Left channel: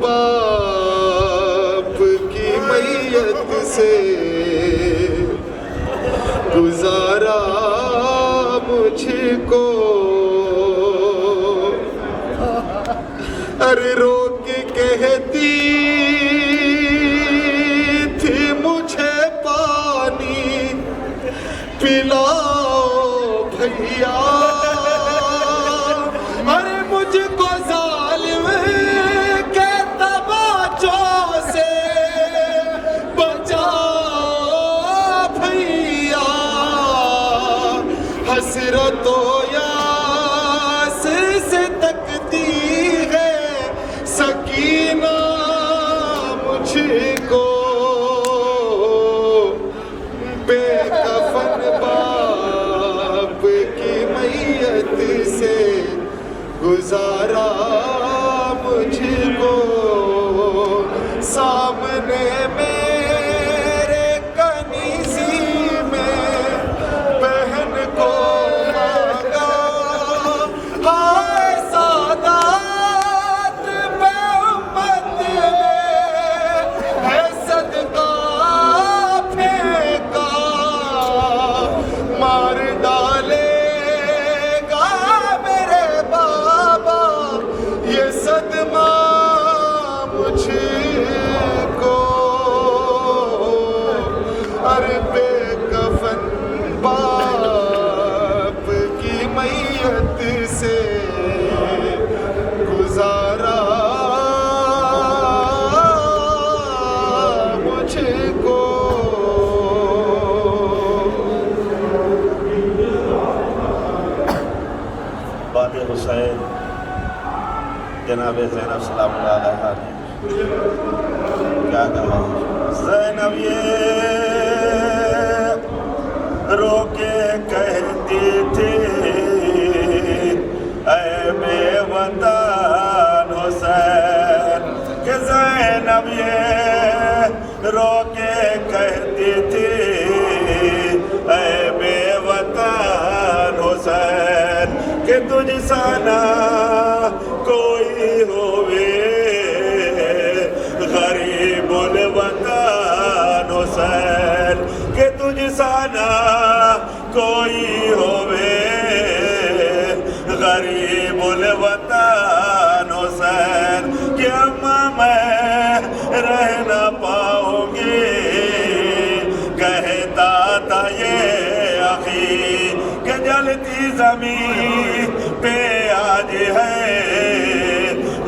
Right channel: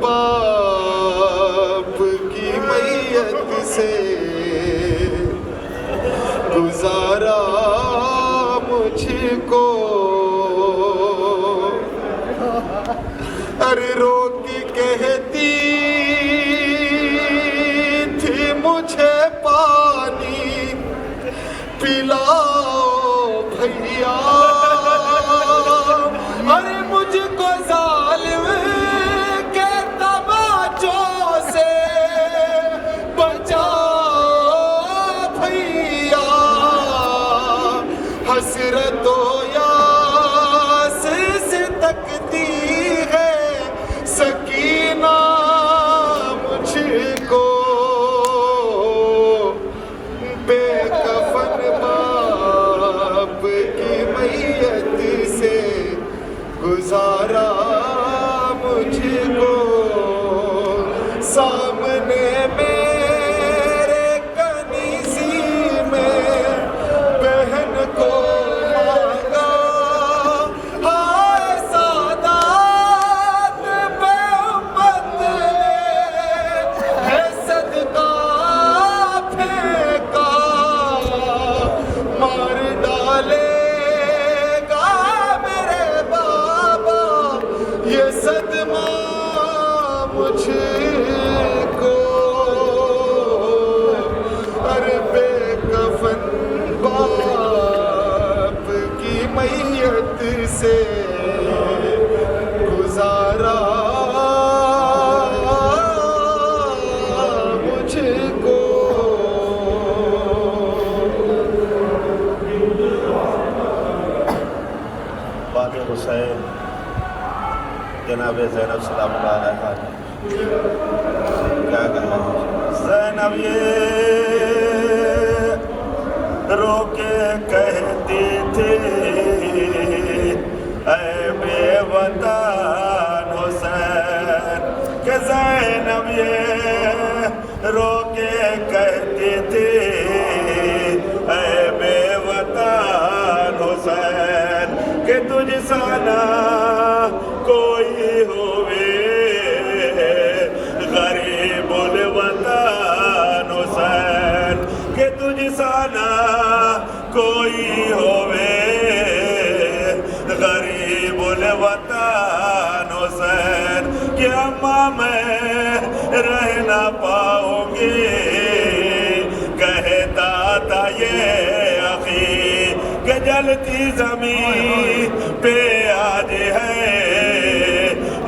باپ کی میت سے گزارا مجھ کو، ارے رو کے کہتی تھی مجھے پانی پلاؤ بھیا، ارے مجھ کو ظالم کے تماچوں سے بچاؤ بھیا، حسرت و یاس سے تکتی ہے سکینہ مجھ کو، بے کفن باپ کی میت سے گزارا مجھ کو، سامنے میرے کنیزی میں بہن کو مانگا، آئے سادات بے امت نے ہے صدقہ پھینکا، مار ڈالے گا میرے بابا یہ صدمہ مجھ کو، ارے بے کفن باپ کی میت سے گزارا مجھ کو۔ بات حسین جناب زینب سلام اللہ علیہ نے کیا کہا ہے؟ زینب یہ رو کے کہتی تھی اے بے وطن حسین، کہ زینب یہ رو کے کہتی تھی اے بے وطن حسین، کہ تجھ سا نہ کوئی ہووے غریب الوطن حسین، کہ تجھ سا نہ کوئی ہووے غریب الوطن حسین، کہ اماں میں رہ نہ پاؤں گی کہتا تھا یہ اخی، کہ جلتی زمین پہ آج ہے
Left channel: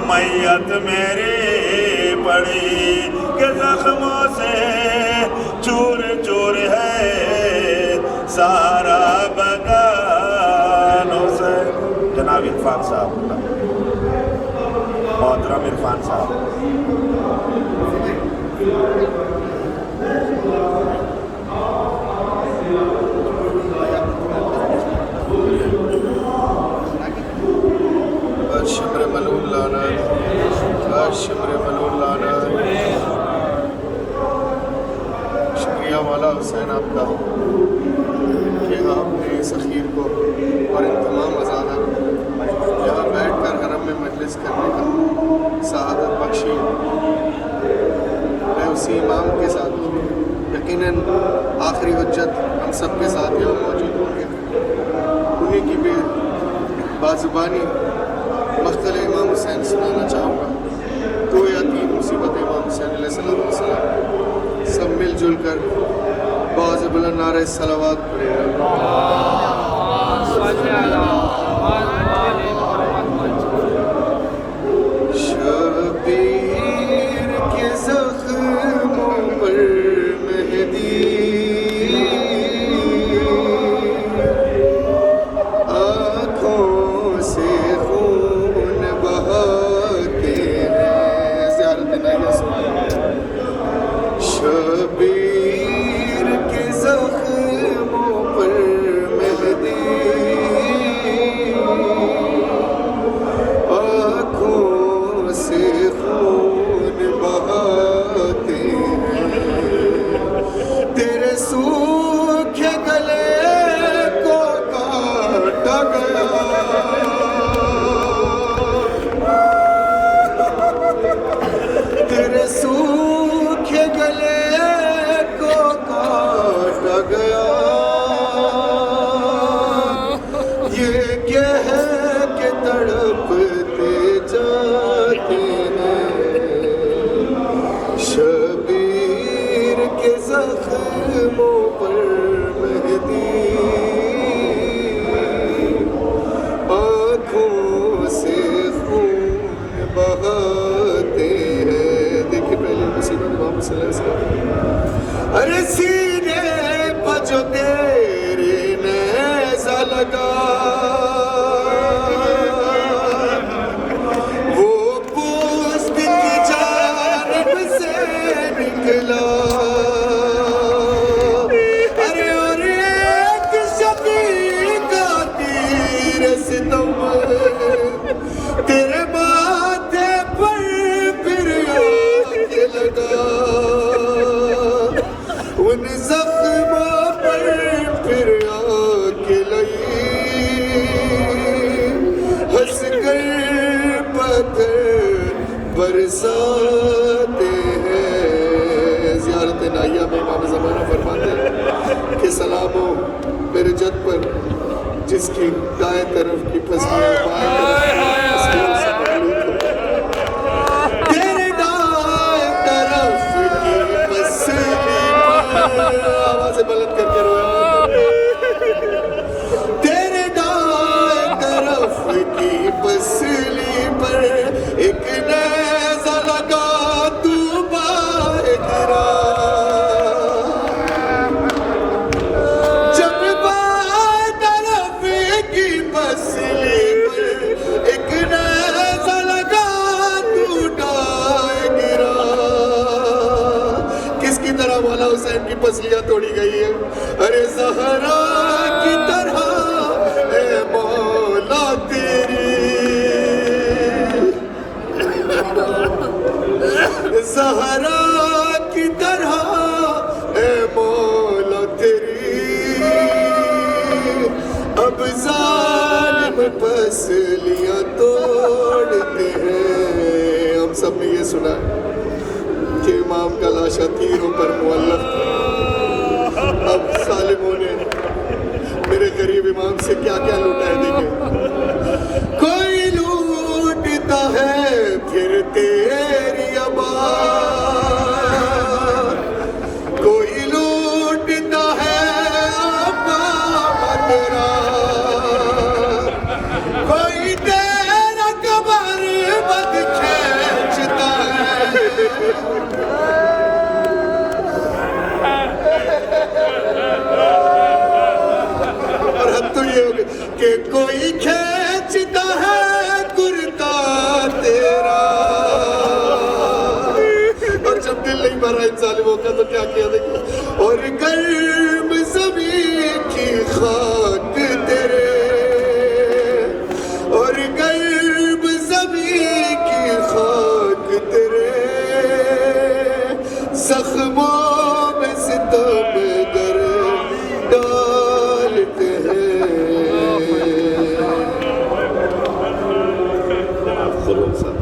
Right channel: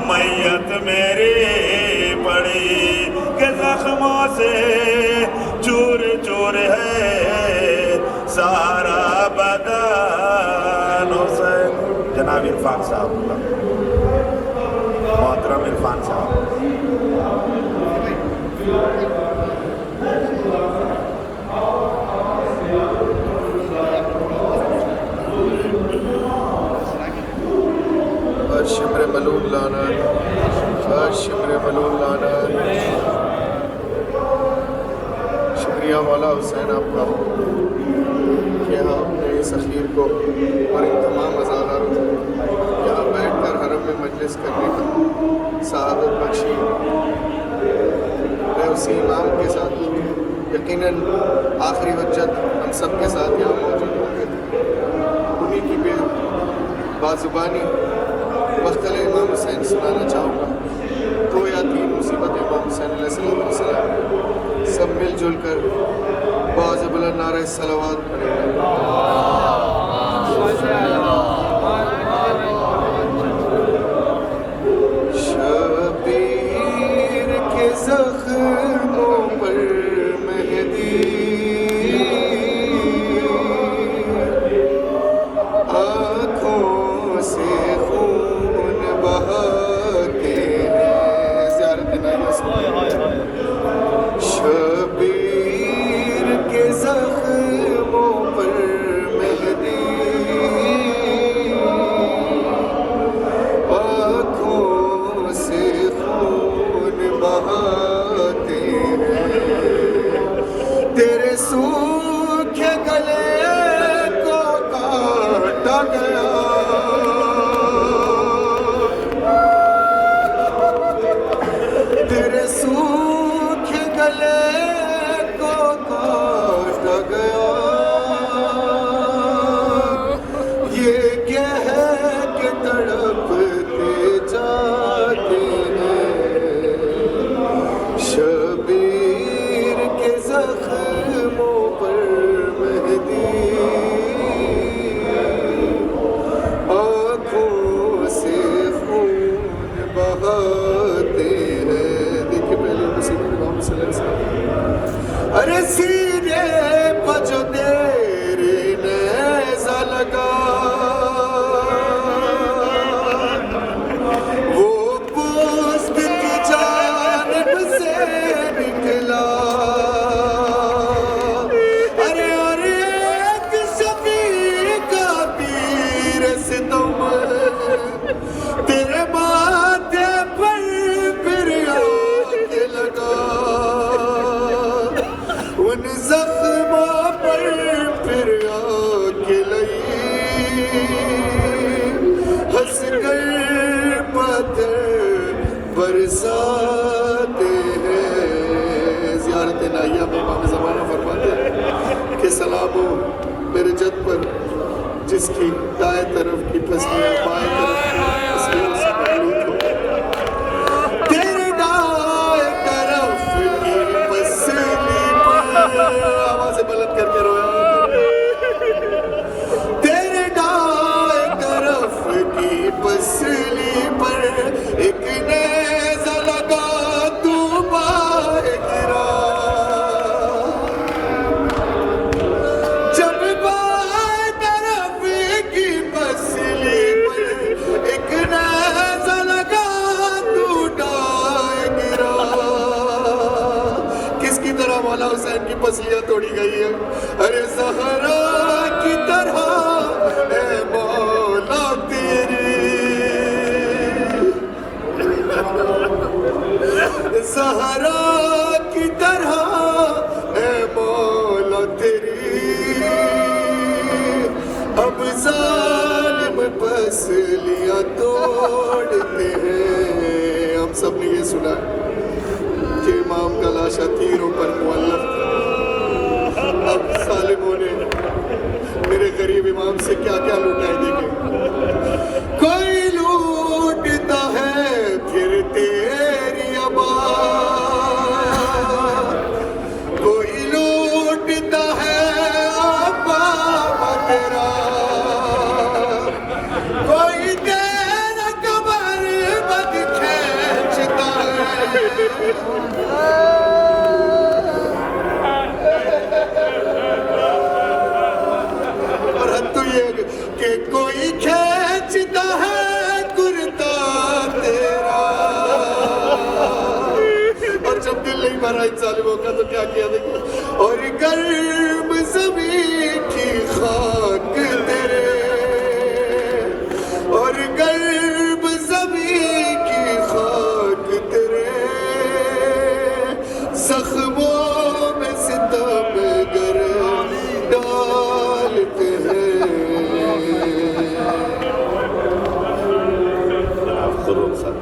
میت میری پڑی، کہ زخموں سے چور چور ہے سارا بدن حسین۔ جناب عرفان صاحب، محترم عرفان صاحب، شمر ملول لانا، شمر ملول لانا، شکریہ والا حسین آپ کا کہ آپ نے اس اخیر کو اور ان تمام عزادار یہاں بیٹھ کر حرم میں مجلس کرنے کا سعادت بخشی ہے، اسی امام کے ساتھ یقیناً آخری وجت ہم سب کے ساتھ یہاں موجود ہوں گے، انہیں کی بھی بازبانی مختل امام حسین سنانا چاہوں گا۔ دو یا تین مصیبت امام حسین علیہ السلام سب مل جل کر باز بلند نعرہ صلوات پڑھیں گے۔ شبیر کے زخموں پر مہدی آنکھوں سے خون بہاتے ہیں، زیارت نہیں سنیں۔ شبیر کے زخموں پر مہدی آنکھوں سے خون بہاتے ہیں، تیرے سوکھے گلے کو کاٹا گیا، ان زخموں پر پھر آنکھ لئی ہنس کر پتھر برساتے ہیں. زیارت نائیہ میں امام زمانہ فرماتے ہیں کہ سلام ہو میرے جد پر جس کی دائیں طرف کی پسلیاں بائیں طرف کی پسلیوں سے مخلوط ہو. تیرے دائیں طرف کی پسلی پر آوازیں بلند کر کے رویا. تیرے دائیں طرف کی پسلی پر ایک نیزہ لگا تو بائیں گرا. جب بائیں طرف کی پسلی پر ایک نیزہ لگا تو دائیں گرا. کس کی طرح مولا حسین کی پسلیاں توڑی گئی ہیں؟ ارے زہرا کی طرح اے مولا تیری، زہرا کی طرح اے مولا تیری. اب ظالم پسلیاں توڑتے ہیں. ہم سب نے یہ سنا ہے کہ امام کا لاشا تیروں پر معلق تھا. اب ظالموں نے میرے غریب امام سے کیا کیا لوٹا ہے دیکھیں. کوئی لوٹتا ہے پھر تیری آباد، کوئی لوٹتا ہے آباد تیرا، کوئی تیرا کمر بد کھینچتا ہے. اور حد تو یہ ہوگی کہ کوئی کھینچتا ہے کرتا تیرا. اور جب دل نہیں بھرا ان ظالموں کا تو کیا کیا دیکھیں. اور گرم زمین کی خاک تیرے، اور گرم زمین کی خاک تیرے، زخموں میں ستم گر ڈالتے ہیں. خروج صاحب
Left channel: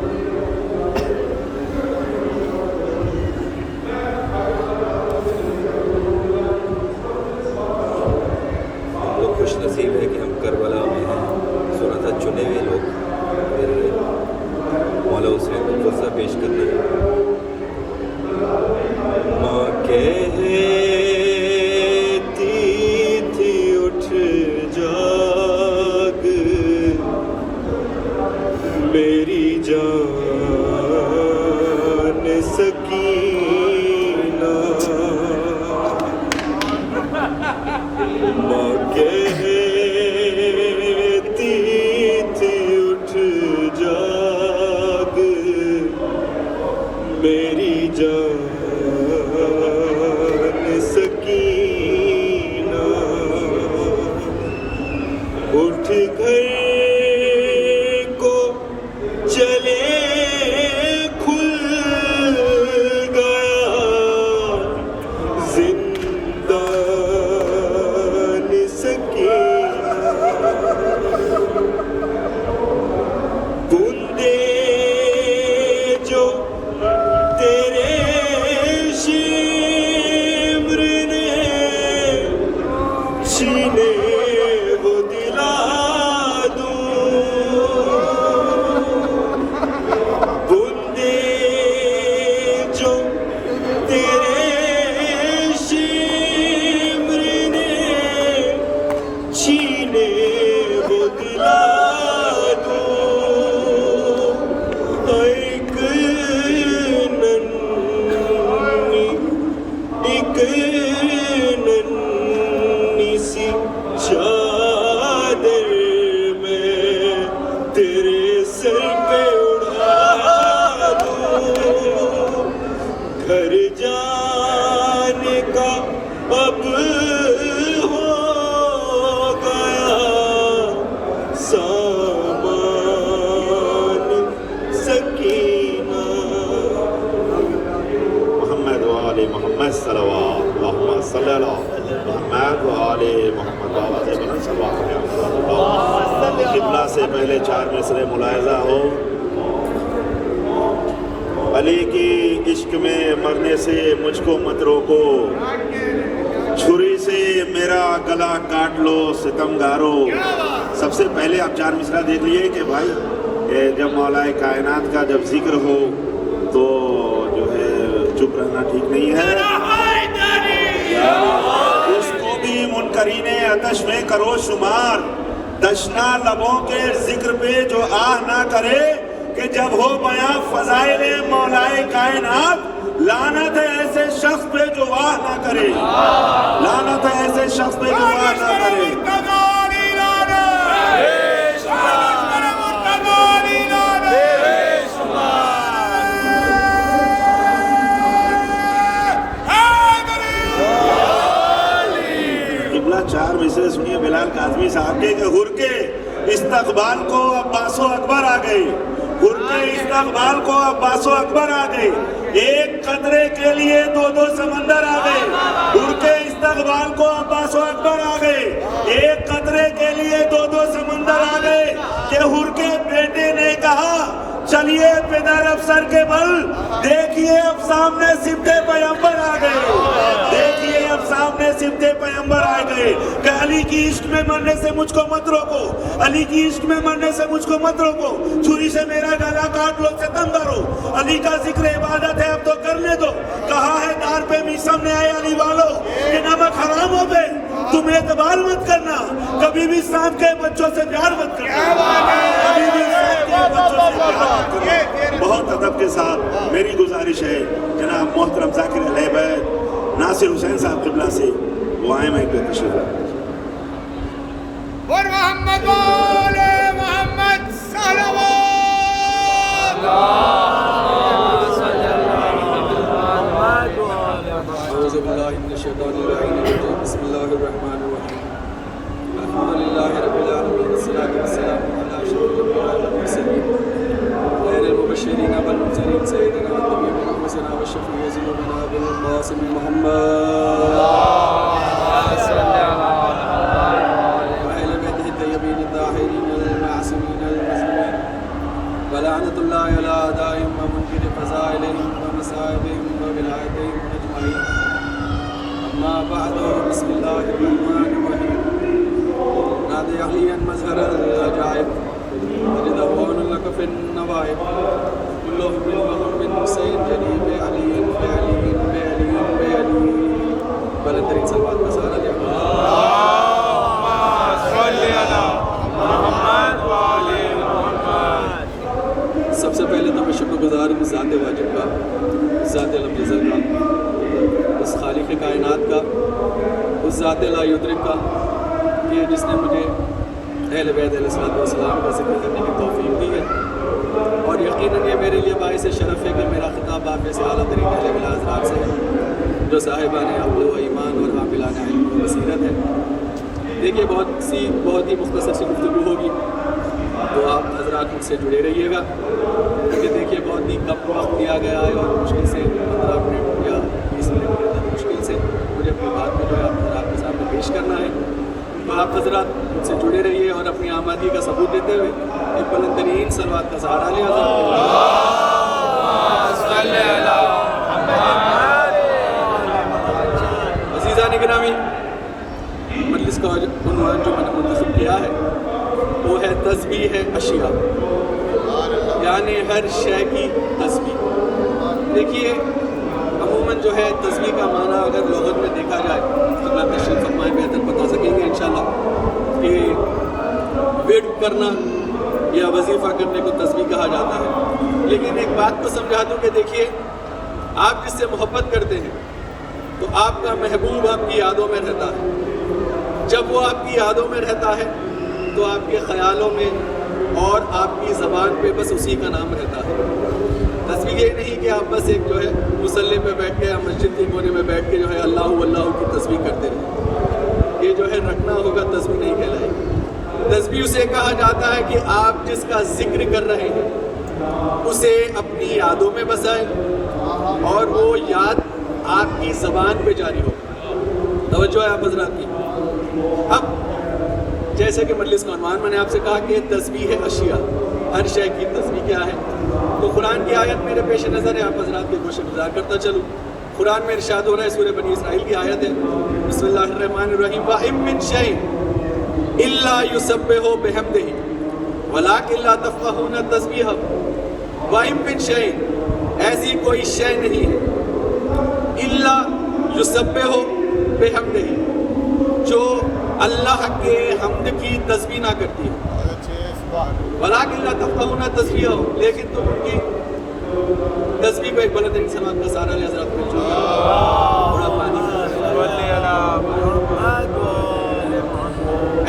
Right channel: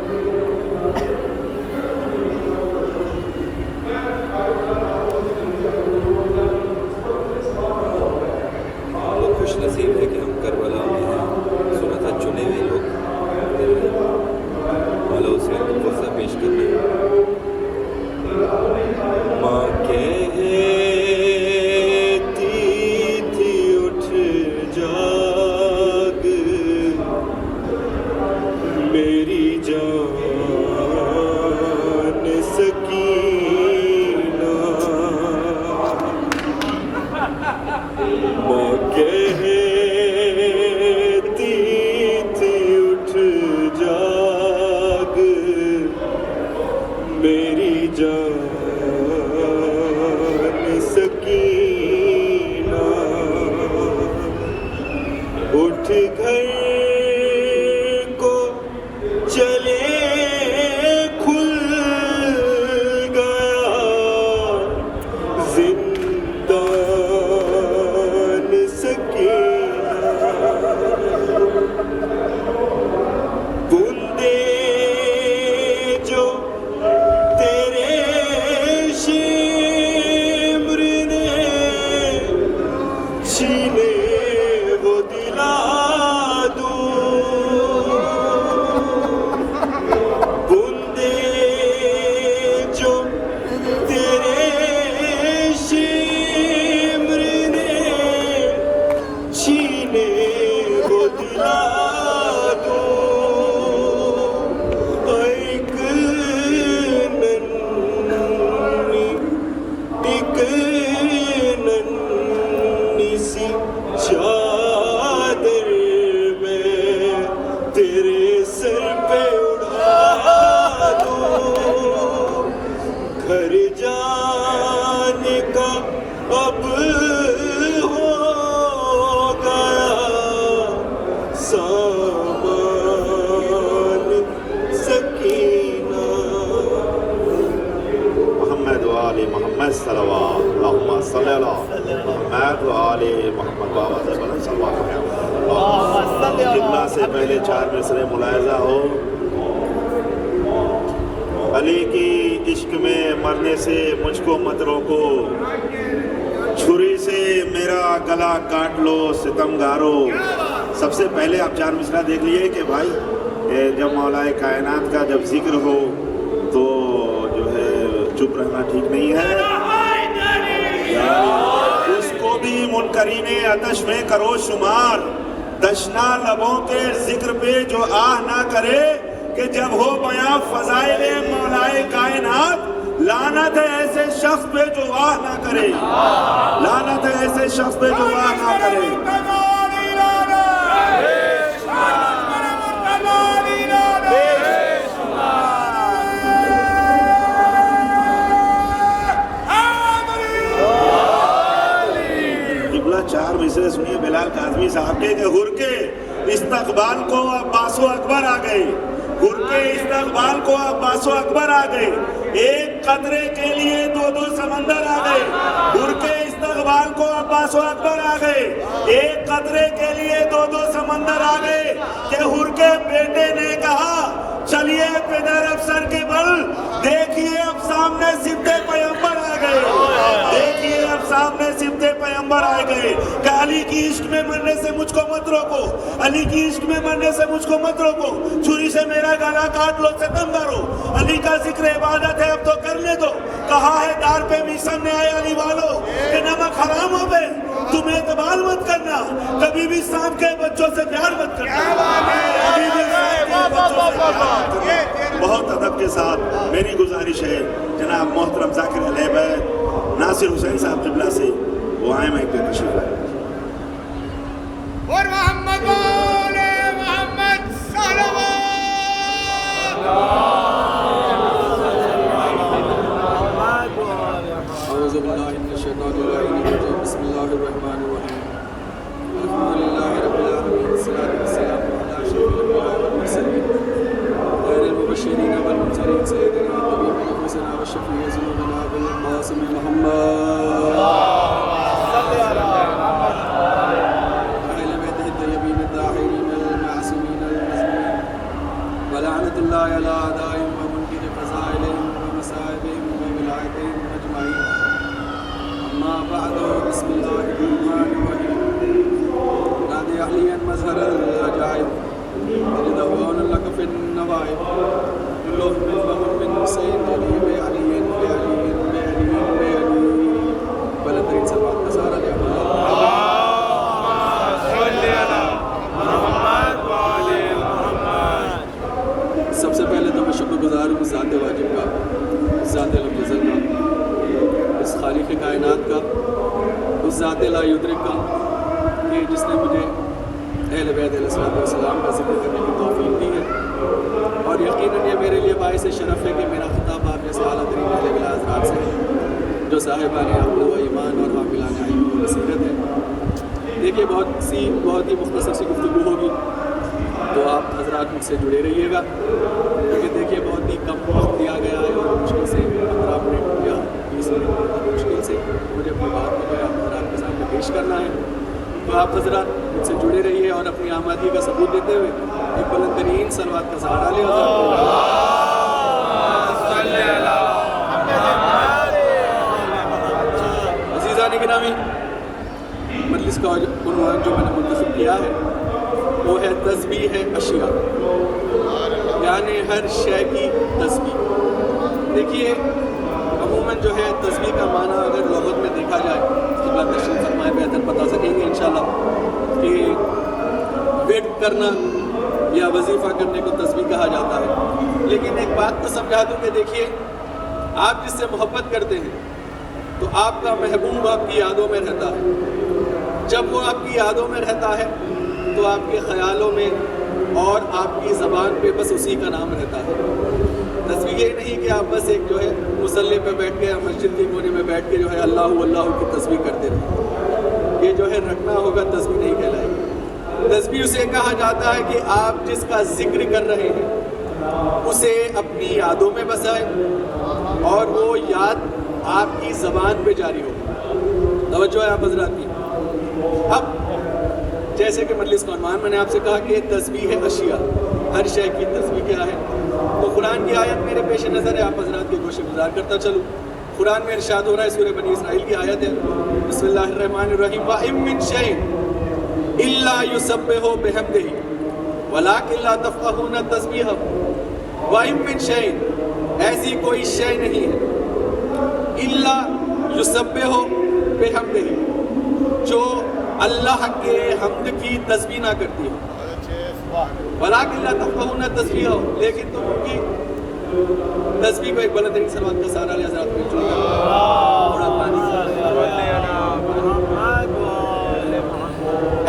ہم لوگ خوش نصیب ہے کہ ہم کربلا میں ہیں. سنا تھا چنے ہوئے لوگ مولا حسین کو قصہ پیش کرنے. ماں کہتی تھی اٹھ جاگ میری جان سکینہ. ماں کہتی تھی اٹھ جاگ میری جان سکینہ. اٹھ گھر کو چلے کھل گیا زندان سکینہ. بوندے جو تیرے شمر نے چھینے وہ دلا دوں. بوندے جو تیرے شمر نے چھینے وہ دلا دوں. ایک ننھی سی چادر میں تیرے سر پہ اڑا دوں. گھر جانے کا اب ہو گیا سامان سکینہ. محمد وآل محمد صلوات اللہم صلی اللہ محمد و آل محمد بابا سے بلند صلوات ہے قبلہ سے پہلے 4 مصرے ملاحظہ ہو علی کی عشق میں مرنے سے مجھ کو مت روکو چھری سے میرا گلا کاٹ لو ستمگارو سب سے پہلے آپ 4 مصرع دیکھ لیے کہ بھائی جب مولا کائنات کا جب ذکر ہو تو جو ہے چپ رہنا ٹھیک نہیں ہے اس کو بھی منکرین آتش میں کرو شمار دشنا لبوں کے ذکر پہ جو آہ نہ کرے کہ جب ہو بیاں فضائل مولا کائنات لعنت ہے ایسے شخص پہ جو واہ نہ کرے لعنت ہے ایسے شخص پہ جو واہ نہ کرے قبلہ 4 مصرے سنیے بلال کاظمی صاحب کے کہ ہر کے استقبال کو عباس و اکبر آ گئے ہر کے استقبال کو عباس و اکبر آ گئے ایک قطرے کے لیے 2 سمندر آ گئے ہر کے استقبال کو عباس و اکبر آ گئے ایک قطرے کے لیے 2 سمندر آ گئے کہ ہر کے بیٹے نے کہا چلیے پدر افسر کے بل دیکھیے اب سامنے سمت پیغمبر آ گئے دیکھیے اب سامنے سمت پیغمبر آ گئے کہ علی کی عشق میں مرنے سے مجھ کو مت روکو علی کی عشق میں مرنے سے مجھ کو مت روکو چھری سے میرا گلا کاٹ لو ستم کرو علی کا ذکر عبادت ہے اب تو کر لے دو کہا ہے دار پہ میسم نے آئے علی والو کہ نمک حرام ہو گئے تم اعتبار مت کرنا کبھی بھی سانپ کے بچوں سے پیار مت کرنا کبھی بھی سانپ کے بچوں سے پیار مت کرنا بہت ادب کے ساتھ میری گزارش ہے جناب محترم ذاکر علیہ بیت ناصر حسین صاحب قبلہ سے وہ آئے میں پہ تشریف لائے أعوذ بالله من الشيطان الرجيم بسم الله الرحمن الرحيم الحمد لله رب العالمين والصلاة والسلام على أشرف الأنبياء والمرسلين خير المبشرين والمنذرين سيدنا النبي وحسنا والشفيع ذنوبنا أبو القاسم محمد وأهل بيته الطيبين الطاهرين المعصومين المظلومين ولعنة الله على أعدائهم ومنكر فضائلهم ومصائبهم وبلادهم أجمعين أما بعد بسم الله الرحمن الرحيم نادي أهليا مظهر العجائب يتدون لك في النوائب كلهم منهم من حسين جليب علي بعلي بعلي بعلي بلدرين سلوات نصارى سب سے پہلے تو میں شکر گزار ہوں ذات واجب کا ذات لم یزل کا اس خالق کائنات کا اس ذات لا یدرک کا کہ جس نے مجھے اہل بیت علیہ الصلوۃ والسلام کا ذکر کرنے کی توفیق دی ہے اور یقیناً یہ میرے لیے باعث شرف ہے کہ میرا خطاب آپ جیسے اعلیٰ ترین اہل بیت حضرات سے ہے جو صاحبان عقل و ایمان اور حاملان علم و بصیرت ہے دیکھیے بہت ہی مختصر سی گفتگو ہوگی تو آپ حضرات مجھ سے جڑے رہیے گا کیونکہ دیکھیے بہت ہی کم وقت دیا گیا ہے اور مشکل سے 15 منٹ یا 20 منٹ مشکل سے مجھے اپنی بات کو جو ہے آپ حضرات کے سامنے پیش کرنا ہے تو آپ حضرات مجھ سے جڑے رہیے اور اپنی آمادگی کا ثبوت دیتے ہوئے ایک بلند ترین صلوات کا سہارا لیں عزیزان گرامی مجلس کا عنوان جو میں نے منتخب کیا ہے وہ ہے تسبیح اشیاء یعنی ہر شے کی تسبیح دیکھیے عموماً جو ہے تسبیح کا معنی اگر لغت میں دیکھا جائے تو اللہ تشریف فرمائے بہتر بتا سکیں گے انشاءاللہ کہ ویٹ کرنا یا وظیفہ کرنے کو تسبیح کہا جاتا ہے لیکن ایک بات کو سمجھا دوں کہ دیکھیے آپ جس سے محبت کرتے ہیں تو آپ کا محبوب آپ کی یادوں میں رہتا ہے جب وہ آپ کی یادوں میں رہتا ہے تو آپ کے خیالوں میں اور آپ کی زبان پہ بس اسی کا نام رہتا ہے تصویر یہ نہیں کہ آپ بس ایک جو ہے مصلی پہ بیٹھ کے مسجد کے کونے میں بیٹھ کے جو ہے اللہ اللہ کی تصویر کرتے رہے یہ جو ہے رکھنا ہوگا تصویر نہیں کہلائے تصویر سے کہا جاتا ہے کہ آپ جس کا ذکر کر رہے ہیں اسے اپنی یادوں میں بسائیں اور وہ یاد آپ کی زبان پہ جاری ہو توجہ ہے آپ حضرات کی. اب جیسے کہ مجلس کا عنوان میں نے آپ سے کہا کہ تسبیح اشیاء، ہر شے کی تسبیح کیا ہے، تو قرآن کی آیت میرے پیش نظر ہے، آپ حضرات کو گوشہ گزار کرتا چلوں. قرآن میں ارشاد ہو رہا ہے، سورہ بنی اسرائیل کی آیت ہے، بسم اللہ الرحمن الرحیم، وَإِن مِّن شَيْءٍ إِلَّا يُسَبِّحُ بِحَمْدِهِ وَلَٰكِن لَّا تَفْقَهُونَ تَسْبِيحَهُ. وَإِن مِّن شَيْءٍ، ایسی کوئی شے نہیں ہے، إِلَّا يُسَبِّحُ بِحَمْدِهِ، جو اللہ کے حمد کی تسبیح نہ کرتی ہے. وَلَٰكِن لَّا تَفْقَهُونَ تَسْبِيحَهُ، لیکن تم ان کی تسبیح کو ایک بلند ترین سماعت کا سہارا لے حضرات میں چاہیے.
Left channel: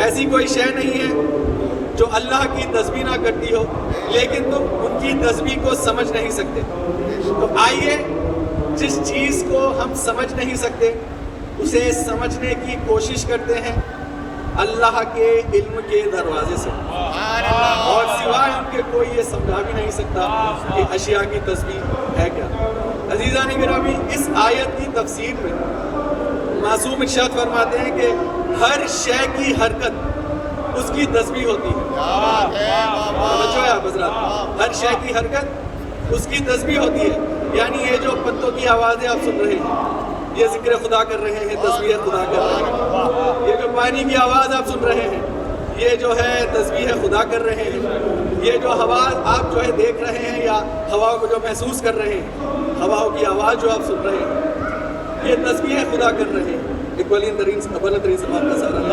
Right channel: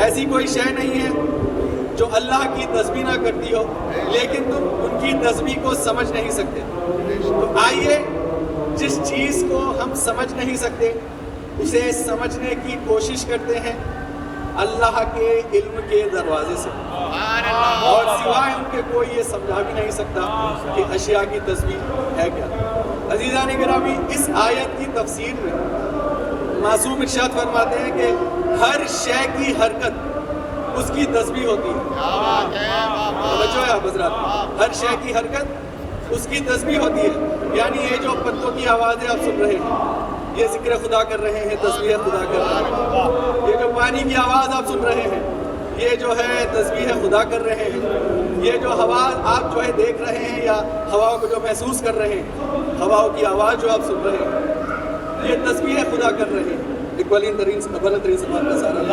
ایسی کوئی شے نہیں ہے جو اللہ کی تسبیح نہ کرتی ہو لیکن تم ان کی تسبیح کو سمجھ نہیں سکتے. تو آئیے جس چیز کو ہم سمجھ نہیں سکتے اسے سمجھنے کی کوشش کرتے ہیں اللہ کے علم کے دروازے سے، اور سوائے ان کے کوئی یہ سمجھا بھی نہیں سکتا کہ اشیاء کی تسبیح ہے کیا. عزیزان گرامی، اس آیت کی تفسیر میں معصوم ارشاد فرماتے ہیں کہ ہر شے کی حرکت اس کی تسبیح ہوتی ہے. توجہ ہے آپ حضرات، ہر شے کی حرکت اس کی تسبیح ہوتی ہے. یعنی یہ جو پتوں کی آوازیں آپ سن رہے ہیں، یہ ذکر خدا کر رہے ہیں، تسبیح خدا کر رہے ہیں. یہ جو پانی کی آواز آپ سن رہے ہیں، یہ جو ہے تسبیح خدا کر رہے ہیں. یہ جو ہوا آپ جو ہے دیکھ رہے ہیں یا ہواؤں کو جو محسوس کر رہے ہیں، ہواؤں کی آواز جو آپ سن رہے ہیں، یہ تسبیح خدا کر رہے ہیں. ایک بلند ترین سماعت کا سہارا لے.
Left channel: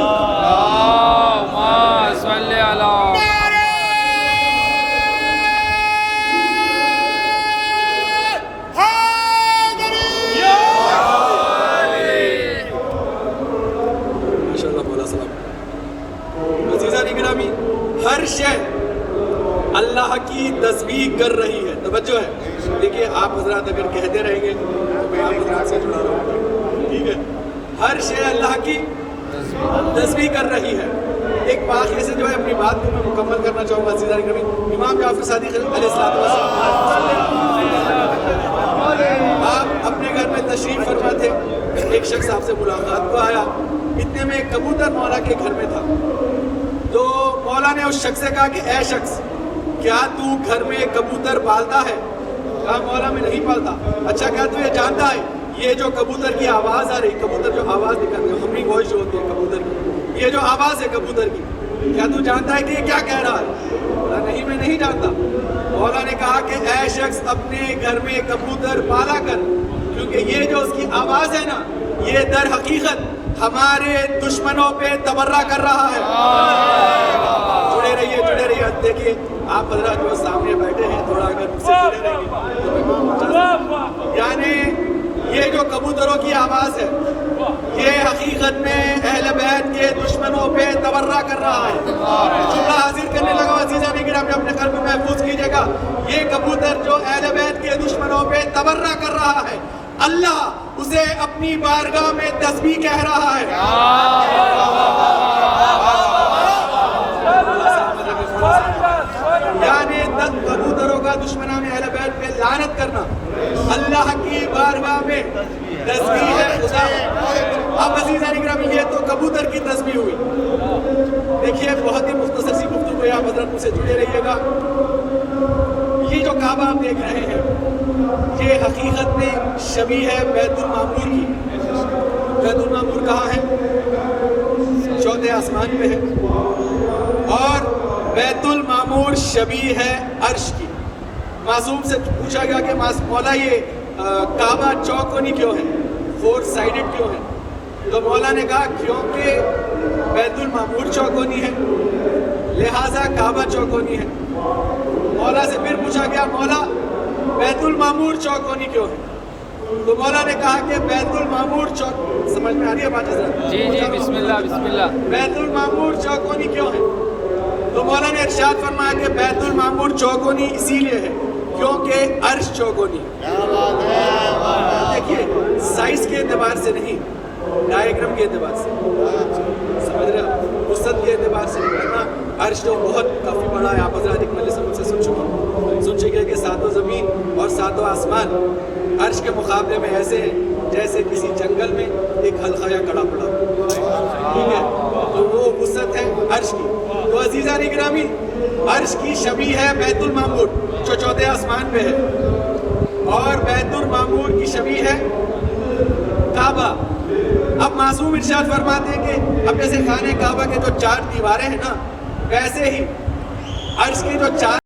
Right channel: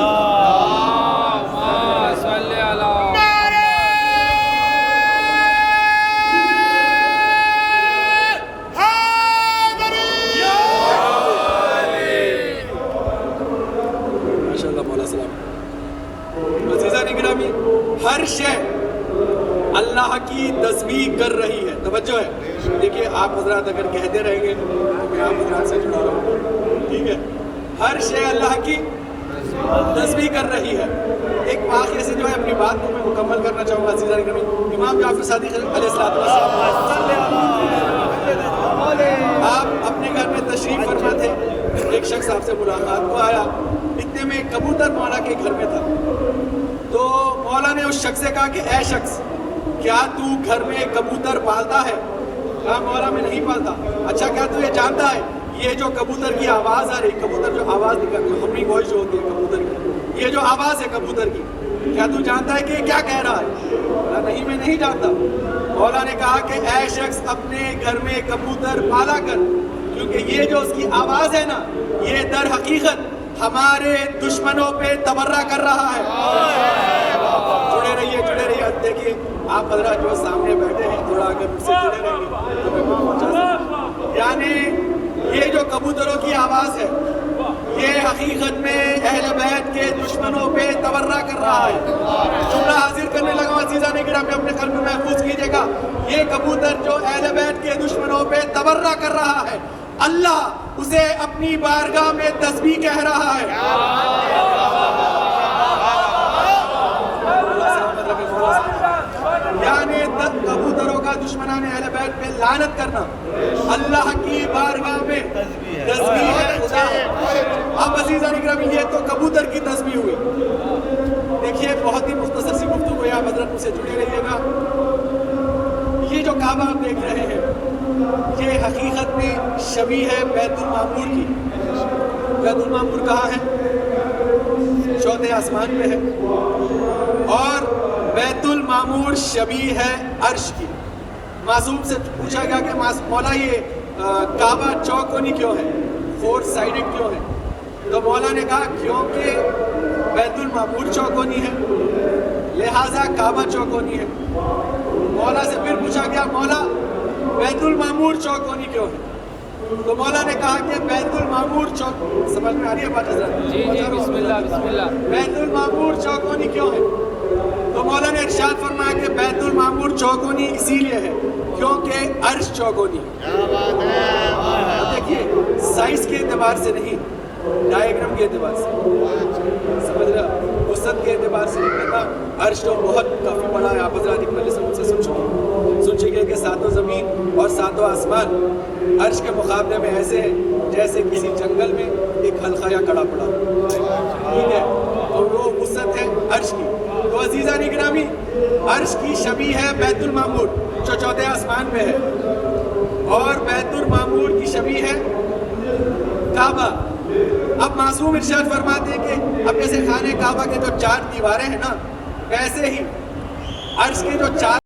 ہر شے اللہ کی تسبیح کر رہی ہے. توجہ ہے. دیکھیے آپ حضرات اگر کہتے رہیں گے تو میں آپ حضرات سے جڑا رہوں گا، ٹھیک ہے. ہر شے اللہ کی تسبیح کر رہی ہے. ایک واقعے سے جو ہے اپنی بات کو میں مکمل کرنا چاہوں گا. عزیزان گرامی، امام جعفر صادق علیہ السلام آپ اپنے گھر میں تشریف فرما تھے. ایک شخص آپ سے ملاقات کو آیا، اتنے میں ایک کبوتر مولا کے گھر میں تھا. تو مولا نے اس شخص سے کہا کہ اے شخص، کیا تو گھر میں کبوتر پالتا ہے؟ کہا مولا میں نہیں پالتا. اچھا، کیا تو یہ جانتا ہے یہ جو کبوتر کی آواز آ رہی، کبوتر جو آواز نکلتی ہے، ہمری وائس جو ہوتی ہے کبوتر کی، یہ جو آواز ہے کبوتر کی، کیا تو جانتا ہے کہ یہ کیا کہہ رہا ہے؟ کہا نہیں، میں نہیں جانتا. مولا نے کہا کہ اے شخص، اپنے گھر میں کبوتر پالا کر، کیونکہ یہ جو اس کی آواز ہے نا، یہ در حقیقت ہمارے دشمنوں پہ تبرہ کر رہا ہے. جڑے رہیے. دیکھیے آپ حضرات جو سامنے بیٹھے ہیں، تھوڑا اگر مجھ سے جڑے رہیں گے تو میں کو پہنچا سکتا. یعنی یہ جو کبوتروں کی آواز ہے، یہ حقیقت میں اہل بیت کے دشمنوں پہ تبرہ کر رہا ہے. جملہ حاضر کرنے لگا. عزیزان گرامی، اپنے قلب میں محفوظ کیجیے گا، یہ کبوتر جو اہل بیت کے دشمنوں پہ تبرہ کر رہا ہے، اللہ اسے اپنی بارگاہ میں تسبیح کہہ رہا ہے. یعنی کبوتروں کا دشمنان اہل بیت پہ لعنت کرنا اللہ کی بارگاہ میں تسبیح ہے. اب عزیزان گرامی، یہ تو کبوتر کی تسبیح ہوئی. دیکھیے بہت ہی مختصر سی گفتگو ہے، آپ حضرت مجھ سے جڑے رہیے گا. یہ جو کعبہ آپ دیکھ رہے ہیں، یہ حقیقت میں شبیہ ہے بیت المعمور کی. بیت المعمور کہاں ہے؟ چوتھے آسمان پہ ہے. اور بیت المعمور شبیہ ہے عرش کی. معصوم سے پوچھا گیا کہ مولا یہ کعبہ چوکونی کیوں ہے، 4 سائیڈڈ کیوں ہے؟ تو مولا نے کہا کیونکہ بیت المعمور چوکونی ہے لہٰذا کعبہ چوکونی ہے. مولا سے پھر پوچھا گیا مولا بیت المعمور چوکونی کیوں ہے؟ تو مولا نے کہا کہ بیت المعمور سمجھ میں آ رہی ہے بات حضرت؟ جی بسم اللہ. بیت المعمور چوکونی کیوں ہے؟ تو مولا نے ارشاد فرمایا کہ بیت المعمور چوکونی اسی لیے ہے کیونکہ عرش چوکونی. دیکھیے سائز کے اعتبار سے نہیں، ڈائیگرام کے اعتبار سے سمجھ رہے ہو، وسعت کے اعتبار سے ورنہ عرش تو بہت کافی بڑا ہے. آپ حضرات ایک مجلس سے سن چکے ہیں کہ ساتوں زمین اور ساتوں آسمان عرش کے مقابلے میں ایسے ہیں جیسے کسی جنگل میں ایک حلقہ یا کڑا پڑا. ٹھیک ہے، تو وہ وسعت ہے عرش کی. تو عزیزان گرامی، عرش کی شبیہ ہے بیت المعمور جو چوتھے آسمان پہ ہے، اور بیت المعمور کی شبیہ ہے کعبہ. اب معصوم ارشاد فرماتے ہیں کہ اب جیسے خانہ کعبہ کے جو 4 دیواریں ہیں نا، ویسے ہی عرش کی جو 4